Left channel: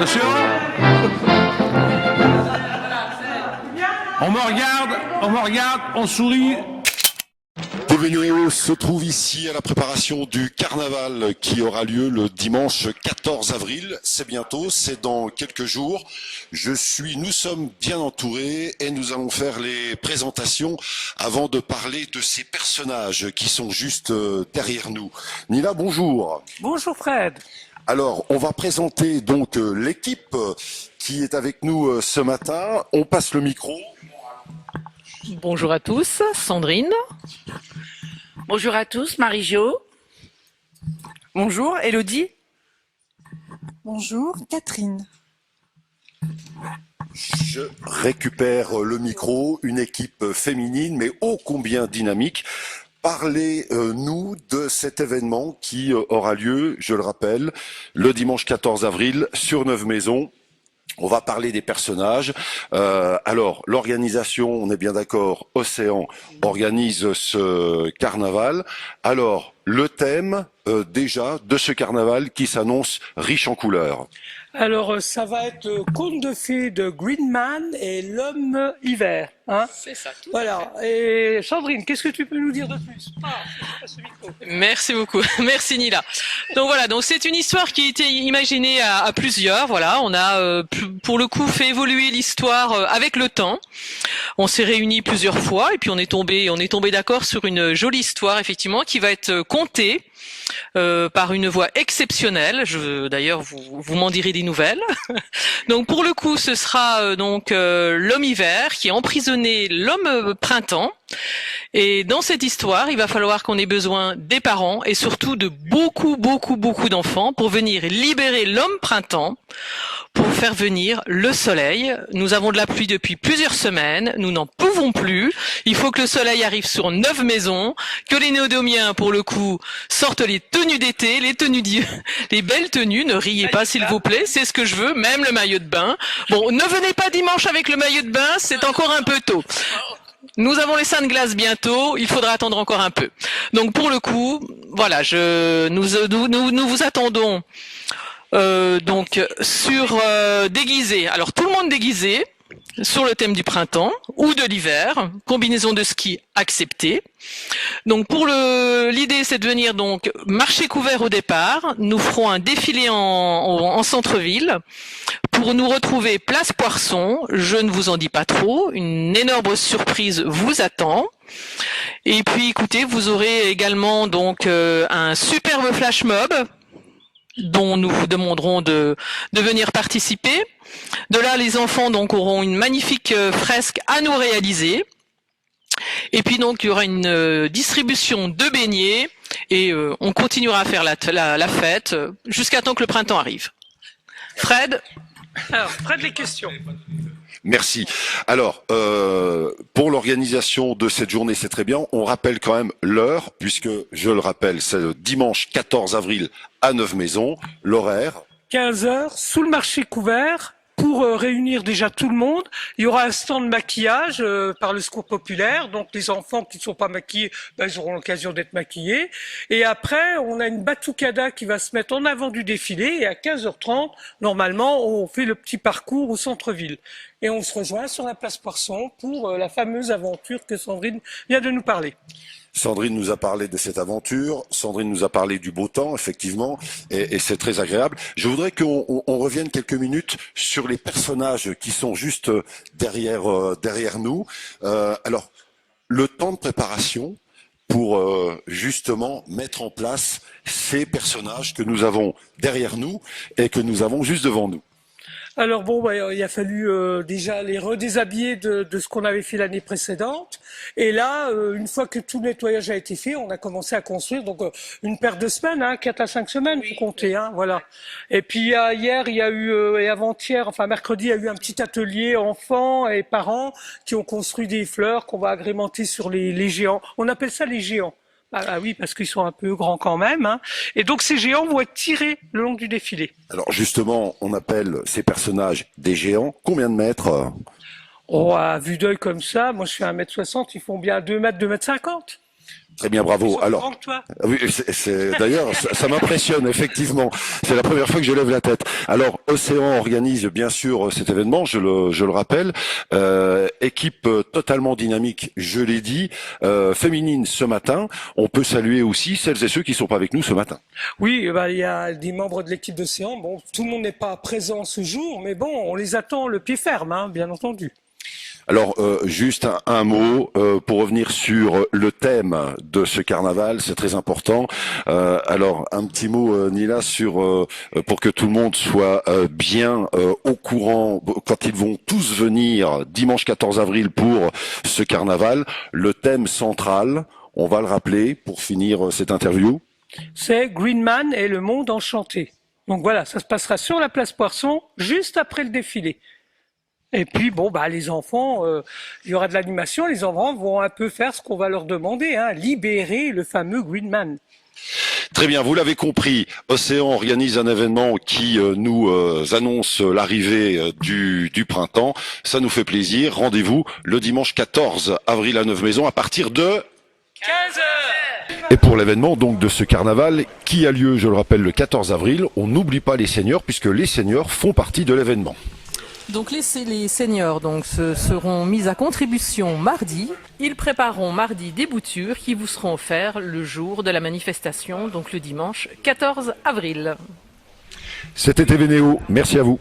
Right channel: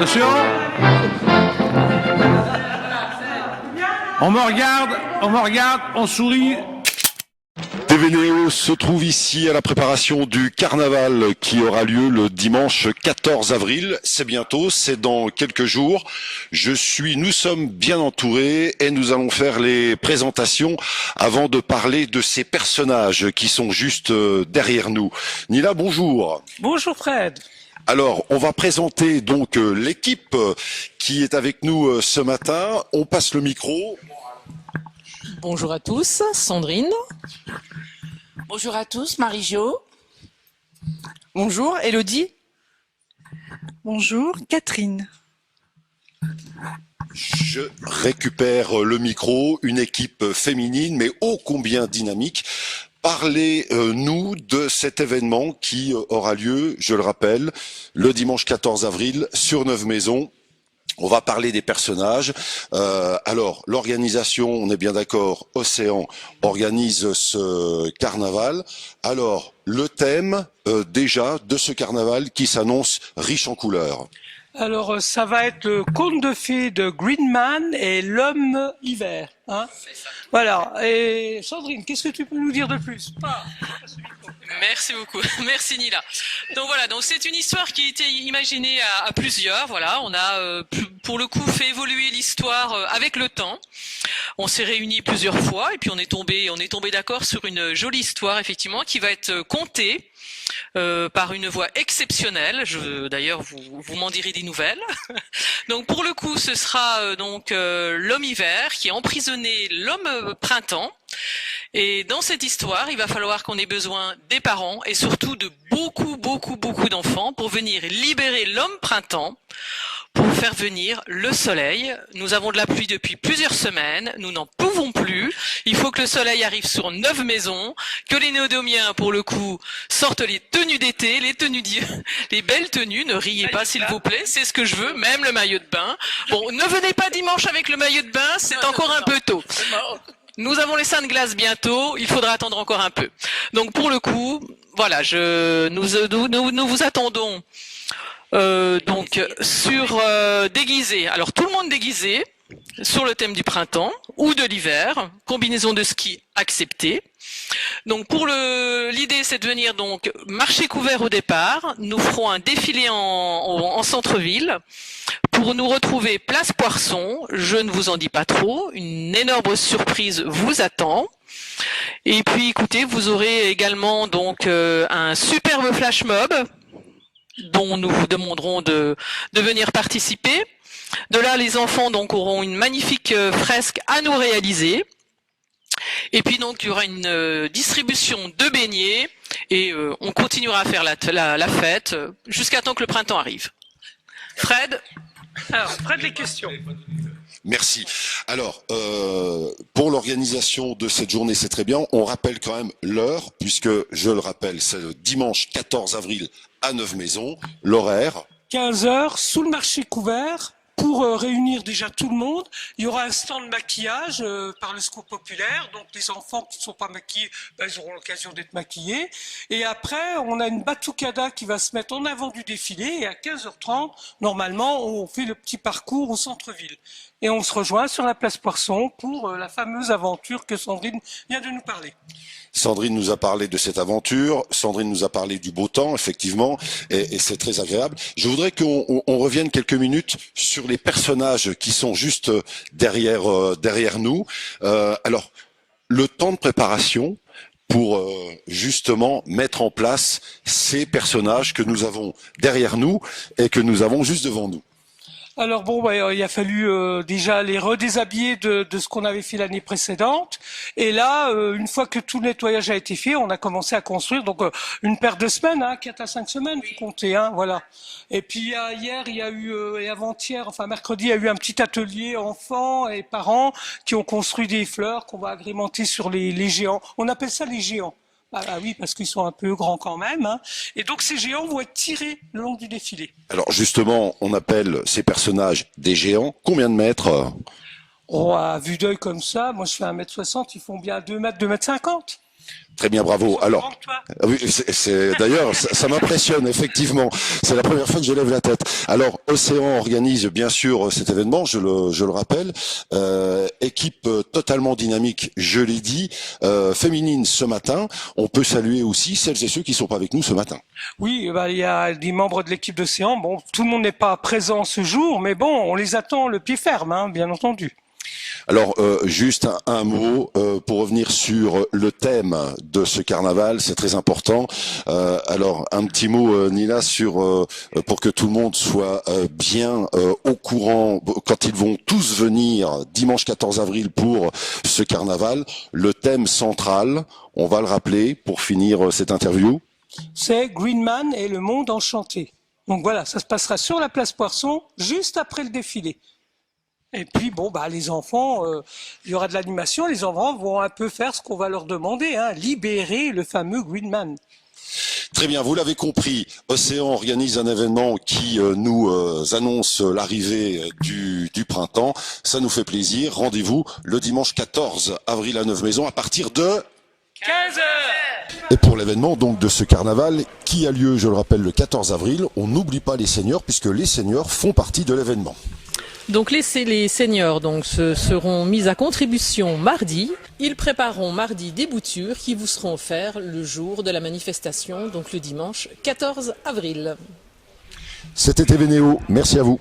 Attention. On me regarde, on sourit. TVNO se trouve ici à la préparation du carnaval qui aura lieu le dimanche 14 avril. C'est bientôt, c'est dans quelques jours. Nous sommes bien entourés et nous allons faire les présentations avant de parler de ces personnages qui sont juste derrière nous. Nila, bonjour. Bonjour Fred. Alors, on va présenter donc l'équipe qui est avec nous ce matin. On passe le micro. Bonjour à tous, Sandrine. Bonjour à tous, Marie-Jo. Bonjour, Elodie. Bonjour, Catherine. Je récupère le micro, une équipe féminine mais ô combien dynamique. Parlez-nous de cet événement qui aura lieu, je le rappelle, le dimanche 14 avril sur Neuve-Maisons. On va parler des personnages. Alors, l'organisation, on est bien d'accord, Océan organise ce carnaval. Alors, le thème déjà de ce carnaval qui s'annonce riche en couleurs. Alors, ça va être le conte de fées de Green Man et l'homme hiver. Hein, C'est ça. voilà. Et Sandrine, qu'est-ce que tu peux nous dire de plus? Merci beaucoup. Merci Nila. Donc voilà, donc c'est une histoire qui a été imaginée à plusieurs. Voilà, on a pour le coup fait évoluer l'histoire avec le temps. On s'est réunis plusieurs fois et puis on est tombé d'accord sur une jolie histoire effectivement qui va être contée par une voix exceptionnelle. D'ailleurs, vous m'en direz des nouvelles. Donc pour le coup, ce sera l'homme hiver qui a emprisonné l'homme printemps. Et dans cette histoire, il va falloir qu'on ait besoin des parents et surtout de beaucoup d'enfants pour venir libérer l'homme printemps, pour faire venir le soleil. Nous avons de la pluie depuis plusieurs semaines, nous n'en pouvons plus. Il faut que le soleil arrive sur Neuve-Maisons, que les néodomiens, pour le coup, sortent les tenues d'été, les belles tenues. Ne riez pas, s'il vous plaît, c'est ce que je veux, même le maillot de bain. Bon, ne venez pas dimanche avec le maillot de bain, c'est encore un peu tôt. Nous avons les seins de glace bientôt, il faudra attendre encore un peu. Donc pour le coup, voilà, nous vous attendons déguisé. Alors tout le monde déguisé sur le thème du printemps ou de l'hiver, combinaison de ski acceptée. Donc pour l'idée c'est de venir donc marché couvert au départ. Nous ferons un défilé en centre-ville. Pour nous retrouver place Parson, je ne vous en dis pas trop, une énorme surprise vous attend. Et puis écoutez, vous aurez également donc un super flash mob dont nous vous demanderons de venir participer. De là, les enfants donc auront une magnifique fresque à nous réaliser. Et puis donc il y aura une distribution de beignets et on continuera à faire la fête jusqu'à temps que le printemps arrive. Fred. Merci. Alors, pour l'organisation de cette journée, c'est très bien. On rappelle quand même l'heure, puisque, je le rappelle, c'est le dimanche 14 avril à Neuve-Maisons. L'horaire 15 heures, sous le marché couvert, pour réunir déjà tout le monde. Il y aura un stand de maquillage par le Secours populaire. Donc les enfants qui ne sont pas maquillés, ils auront l'occasion d'être maquillés. Et après, on a une batucada qui va se mettre en avant du défilé. Et à 15h30, normalement, on fait le petit parcours au centre-ville. Et on se rejoint sur la place Poisson pour la fameuse aventure que Sandrine vient de nous parler. Sandrine nous a parlé de cette aventure, Sandrine nous a parlé du beau temps, effectivement, et c'est très agréable. Je voudrais qu'on revienne quelques minutes sur les personnages qui sont juste derrière nous. Alors, le temps de préparation pour justement mettre en place ces personnages que nous avons derrière nous et que nous avons juste devant nous. Alors bon, il a fallu déjà les redéshabiller de ce qu'on avait fait l'année précédente. Et là, une fois que tout le nettoyage a été fait, on a commencé à construire donc une paire de semaines, 4 à 5 semaines, faut compter, voilà. Et puis hier, il y a eu et avant-hier, enfin mercredi, il y a eu un petit atelier enfants et parents qui ont construit des fleurs qu'on va agrémenter sur les géants. On appelle ça les géants. Ah oui, parce qu'ils sont un peu grands quand même. Et donc ces géants vont être tirés le long du défilé. Alors justement, on appelle ces personnages des géants. Combien de mètres? Oh, à vue d'œil comme ça, moi je suis à 1m60, ils font bien 2 mètres, 2 mètres 50. Très bien, bravo. Alors, oui, d'ailleurs, ça m'impressionne, effectivement. C'est la première fois que je lève la tête. Alors, Océan organise bien sûr cet événement, je le rappelle. Équipe totalement dynamique, je l'ai dit, féminine ce matin. On peut saluer aussi celles et ceux qui sont pas avec nous ce matin. Oui, bah, il y a des membres de l'équipe d'Océan. Bon, tout le monde n'est pas présent ce jour, mais bon, on les attend le pied ferme, hein, bien entendu. Alors, juste un mot pour revenir sur le thème de ce carnaval, c'est très important. Alors, un petit mot, Nila, sur pour que tout le monde soit bien au courant quand ils vont tous venir dimanche 14 avril pour ce carnaval. Le thème central, on va le rappeler pour finir cette interview. C'est Greenman et le monde enchanté. Donc voilà, ça se passera sur la place Poisson, juste après le défilé. Et puis bon, bah les enfants, il y aura de l'animation. Les enfants vont un peu faire ce qu'on va leur demander, hein, libérer le fameux Greenman. Très bien, vous l'avez compris, Océan organise un événement qui nous annonce l'arrivée du printemps. Ça nous fait plaisir. Rendez-vous le dimanche 14 avril à Neuve-Maisons à partir de 15h. Et pour l'événement donc de ce carnaval qui a lieu, je le rappelle, le 14 avril, on n'oublie pas les seniors puisque les seniors font partie de l'événement. Donc les seniors seront mis à contribution mardi. Ils prépareront mardi des boutures qui vous seront offertes le jour de la manifestation, donc le dimanche 14 avril. C'était Eveneo, merci à vous.